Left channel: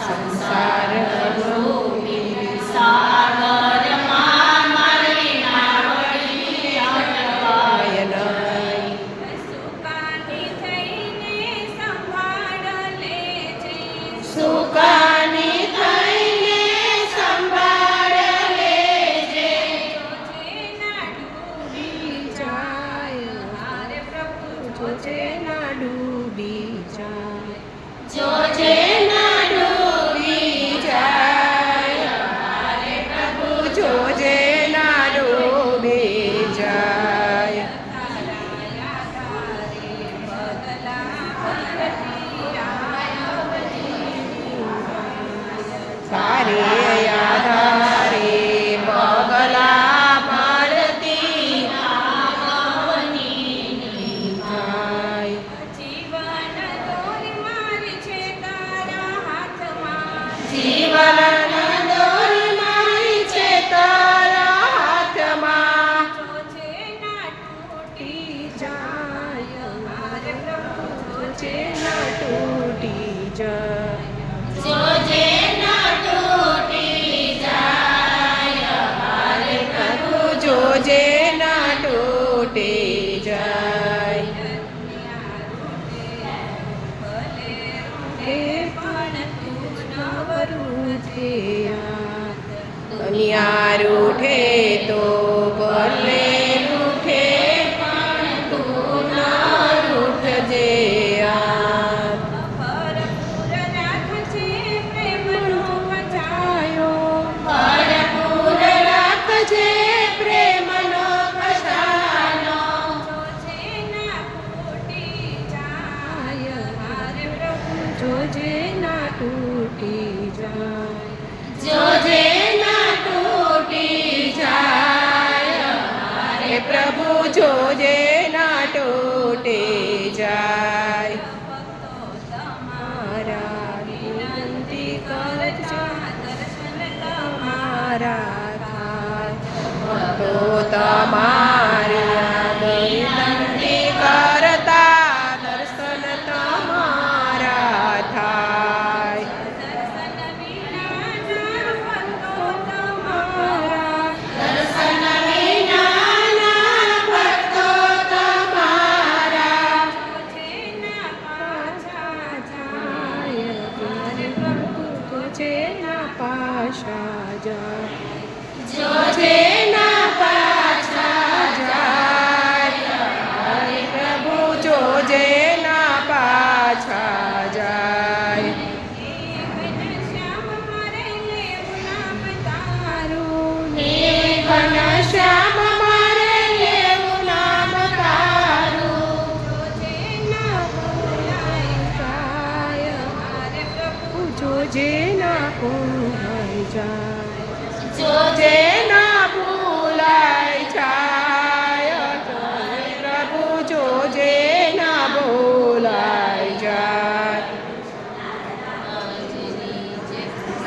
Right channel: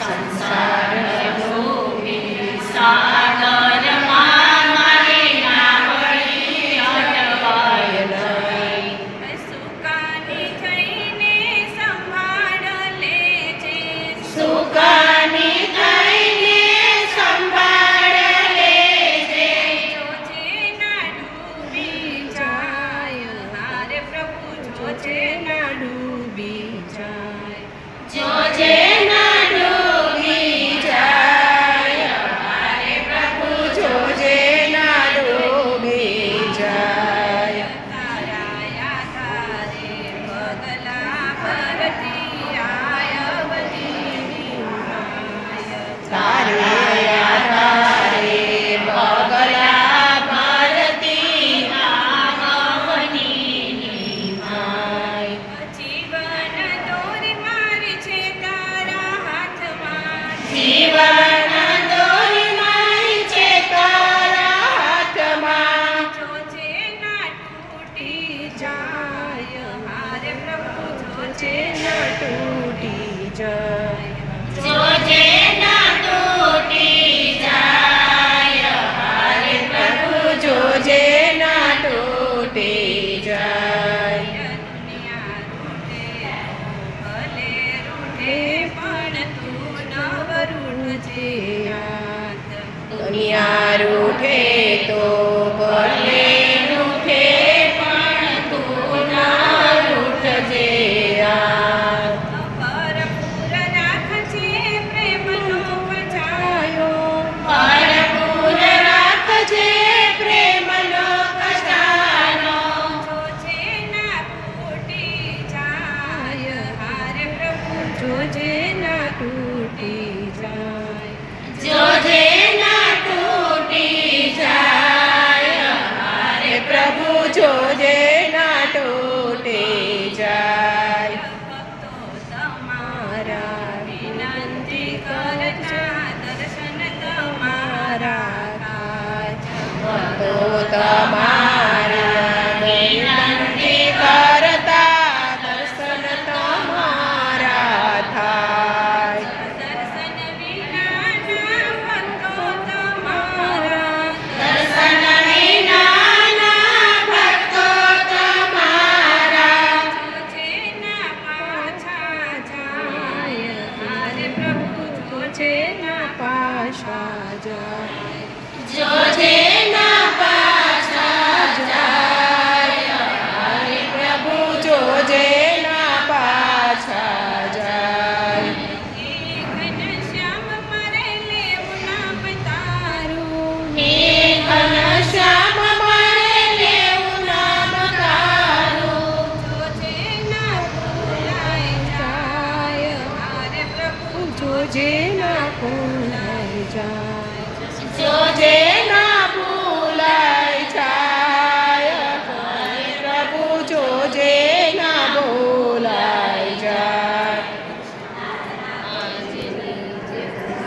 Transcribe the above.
સંસાર ડૂબી સાગરમાં મારી નાવડી અટવાય નહીં. સુકાની થઈને સંભાળ લેજે. સુકાની થઈને સંભાળ લેજે. જોજે ના ડૂબી જાય. હારે પ્રભુ જોજે જોજે ના ડૂબી જાય. જોજે ના ડૂબી જાય. હારે પ્રભુ જોજે ના ડૂબી જાય. તારાયા તારે પગલા ભરતી આયવની માય. તારે આધારે બગલા ભરતી આવની જાય. જીવન દોરી મારી છે તારા હાથમાં. જીવન દોરી મારી છે તારા હાથમાં. જોજે ના તૂટી જાય. હારે પ્રભુ જોજે ના તૂટી જાય. જોજે ના તૂટી જાય. હારે પ્રભુ જોજે ના તૂટી જાય. દુનિયા રૂઠે ભલે રૂઠે પણ તું ન રૂઠજે યાદ. દુનિયા રૂઠે તો ભલે રૂઠે પણ તું ના રૂઠજે યાદ. ભરપૂર રાખજે પ્રેમનો બચાયો. ભરપૂર રાખજે પ્રેમનો ખજાનો. જોજે ના તૂટી જાય. હારે પ્રભુ જોજે ના તૂટી જાય. જોજે ના તૂટી જાય. હરે પ્રભુ જોજે ના તૂટી જાય. ભક્તો તમારા વિનંતી કરતા દર્શન તમારા થાય. તો તમારા વિનંતી કરતા દર્શન તમારા થાય. દર્શન વિનાના ભક્તો તમારા. દર્શન વિનાના ભક્તો તમારા. જોજે ના પાછા જાય. હારે પ્રભુ જોજે ના પાછા જાય. જોજે ના પાછા જાય. હરે પ્રભુ જોજે ના પાછા જાય. ઘનશ્યામ મારે લેવું નામ તારું. હે ઘનશ્યામ મારે લેવું નામ તારું. જોજે ના ભૂલાય જાય. હારે પ્રભુ જોજે ના ભૂલાય જાય. જોજે જે ના ભૂલાય જાય.